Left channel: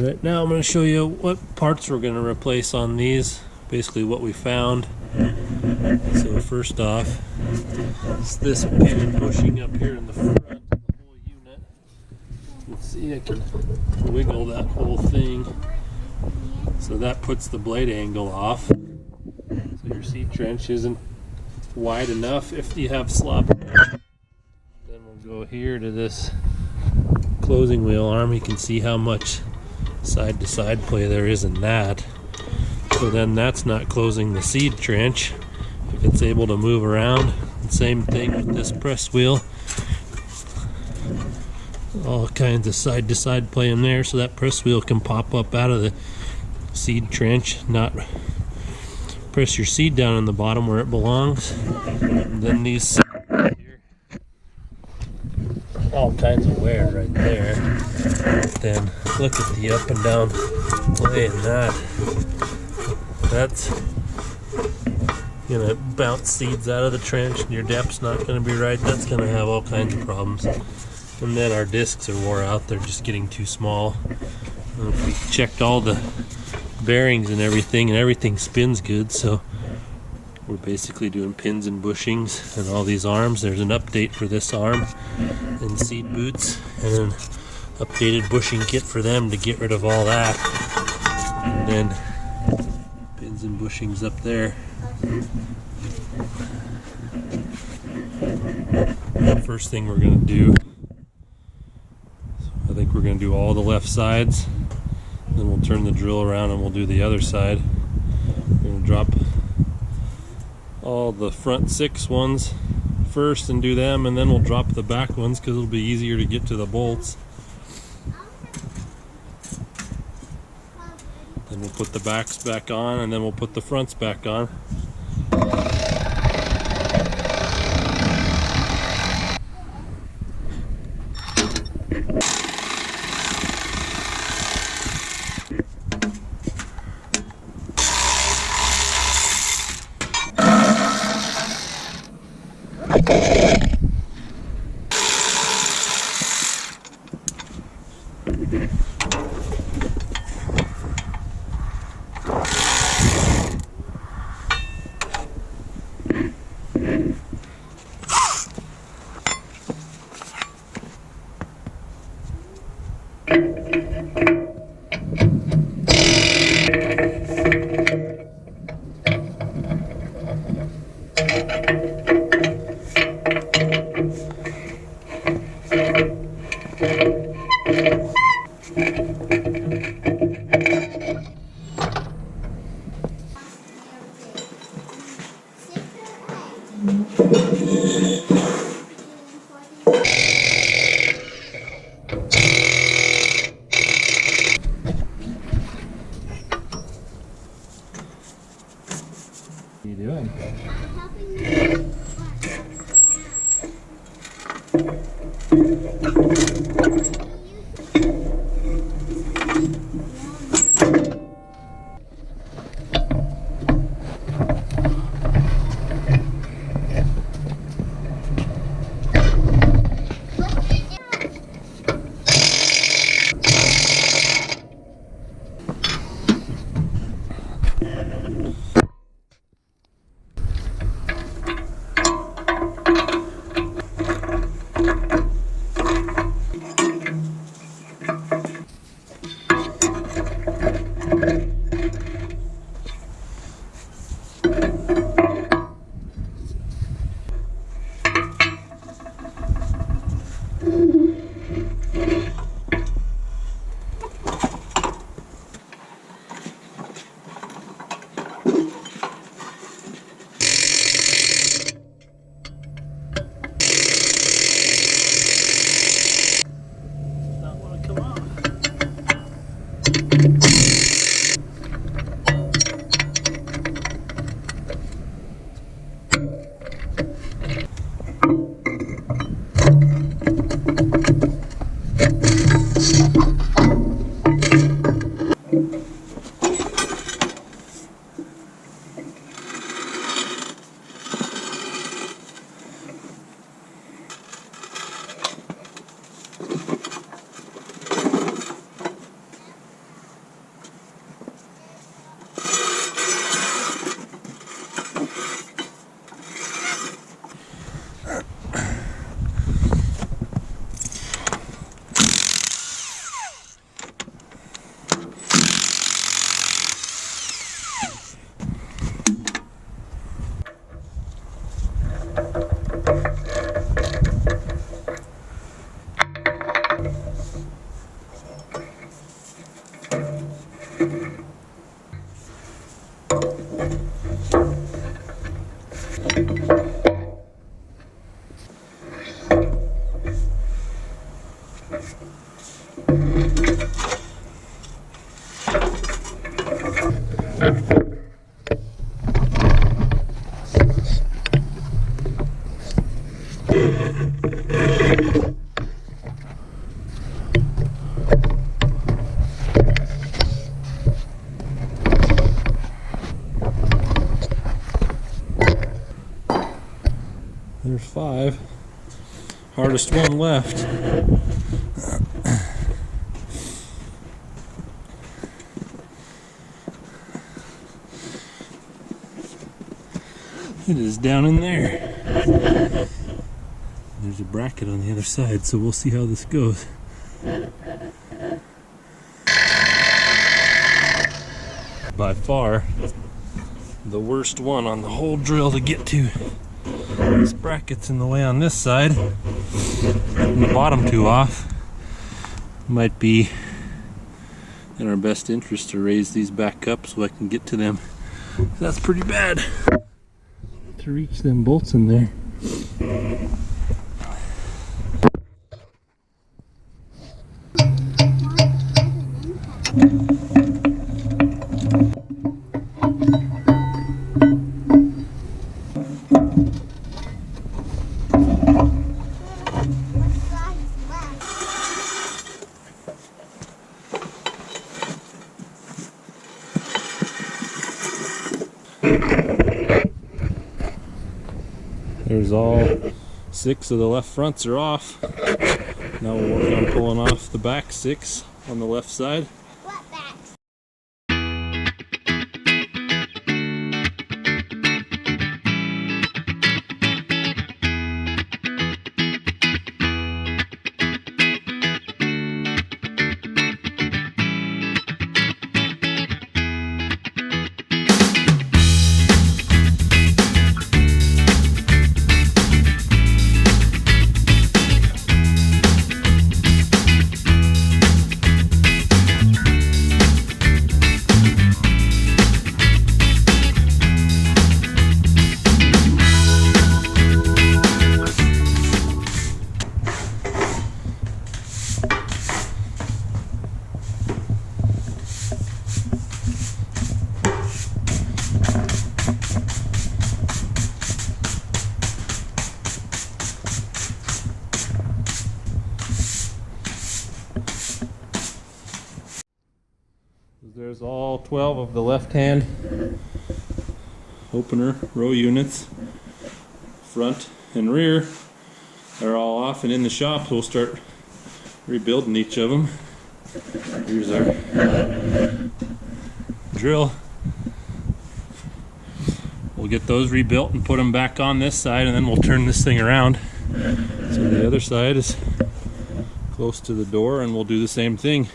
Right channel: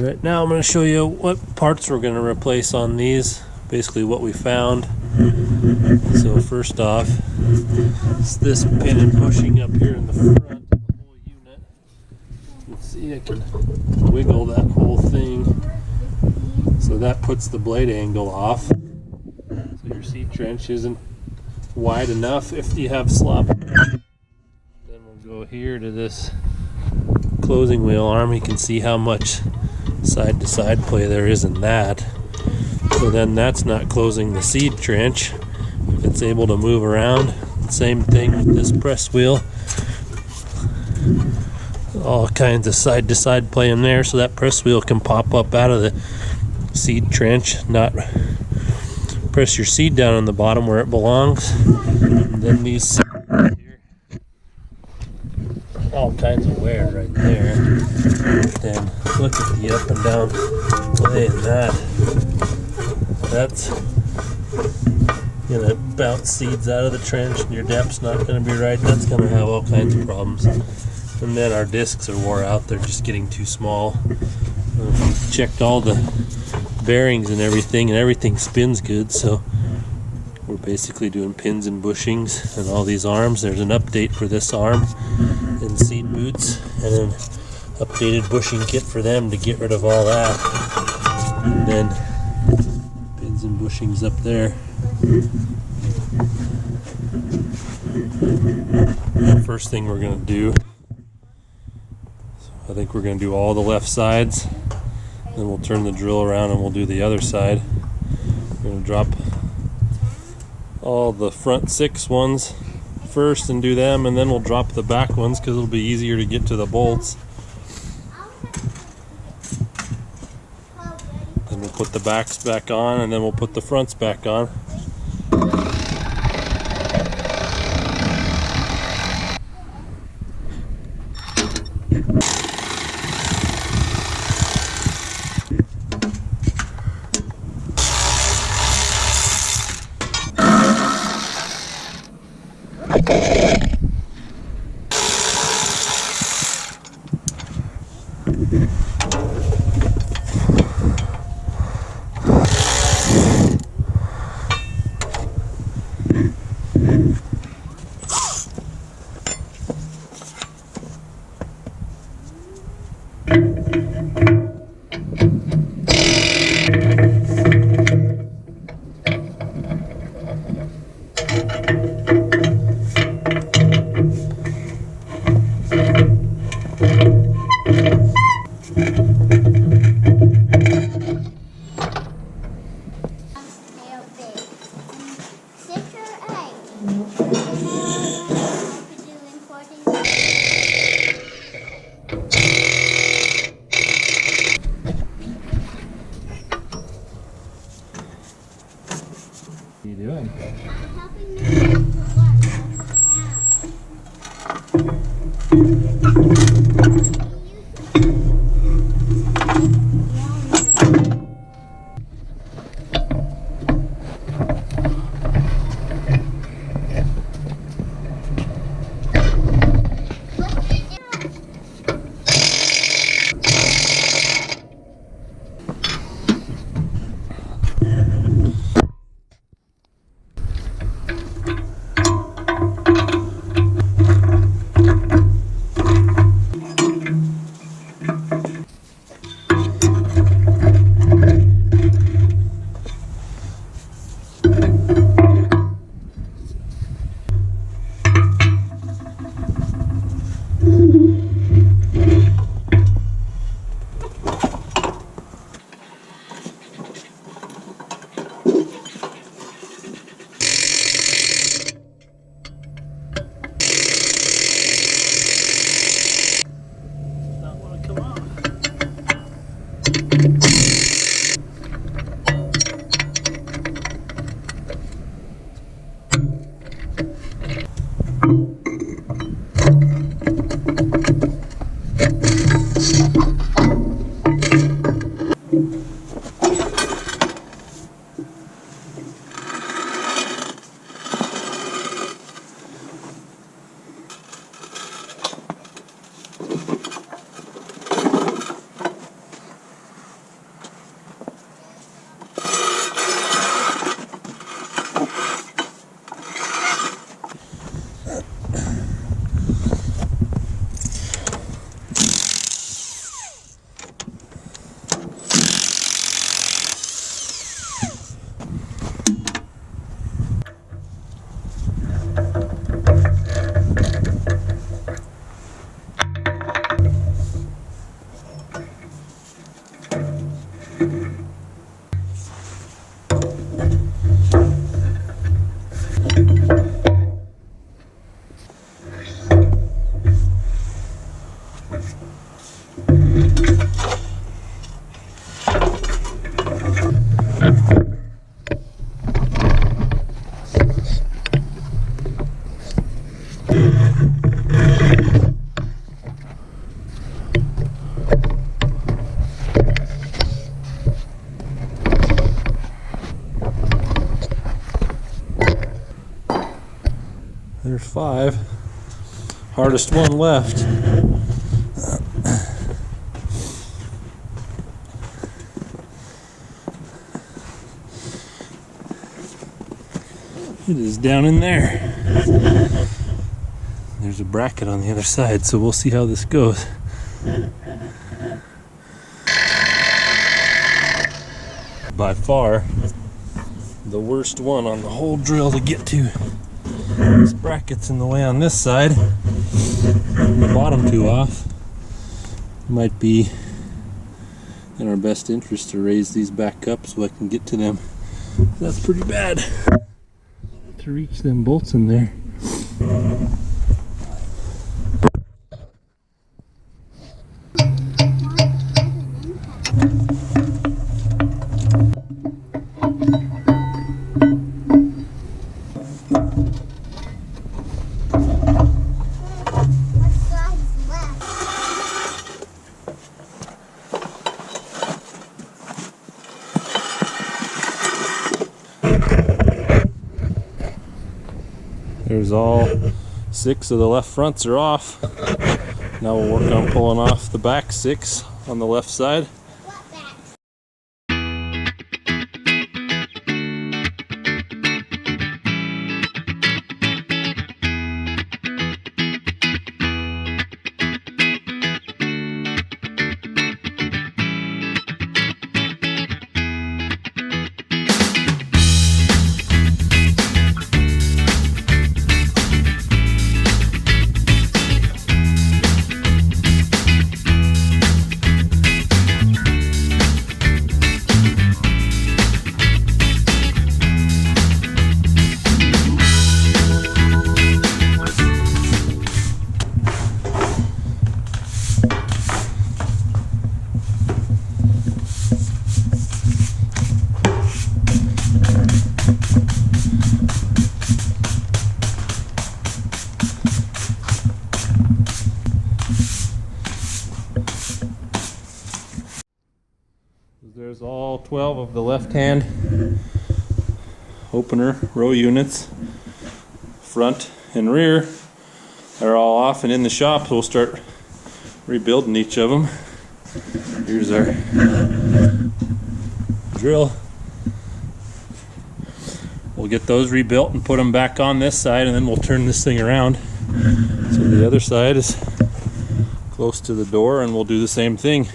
Right now I'm going to show you what parts we're going to replace on these, basically what we found. So first off, it's this pin and bushing up here in the front of the whole unit. Let's see, I can wiggle that whole thing. So that puts the blade angle off. So your seed trench isn't wide enough if you have slop. Then we'll go here to this closing wheel arm. You can see how much side to side play there is in that. So then that's not closing the seed trench if it's able to move around. Same thing with this press wheel. All kinds of side to side play in there, so that press wheel can pop up out of the seed trench, not press your seed down on the bottom where it belongs. And then these here, all kinds of wear right there. Then look at the up and down play in that. That's gonna bounce seeds out of the trench, and your depth's not gonna be right. That's gonna have all kinds of problems. And then our discs are wore out, they're just getting too small. We checked all the bearings and everything spins good, so we're basically doing pins and bushings and all these arms. There's an update for this arm and seed boots, and an updated bushing kit for them to get rid of all that. And then pins and bushings up there. The first thing we're going to do, I think we're going to do all the left sides, then we'll turn the drill around and we'll do the other side. We're going to drop all the front 6 ones first and do them, and then we'll drop the back ones because it'll be easier to get to the bolts. Then we'll put the backs back on, and then we'll put the fronts back on. What are you doing? There's 5. Hardest one left. It is down in there. There's a bracket on the other side, so we'll see how this goes. By far the worst one on the whole drill to get to. This bracket's in the way on this side, and the bottom 2 off. Might be in our best interest to raise these back up so I can get to them. That's pretty bad to reach them bolts in there. There's all 6 of the left fronts are off. Now we'll work on pulling off the back 6 on the left side. What back? There's all 12 of the left-hand opener row units, front and rear. They're all off and in the shop, so we'll start rebuilding each of them. Here's our drill. We'll get those rebuilt and put them back on this side, and then we'll turn this thing around so the other side is close to the door, and we'll do the same thing.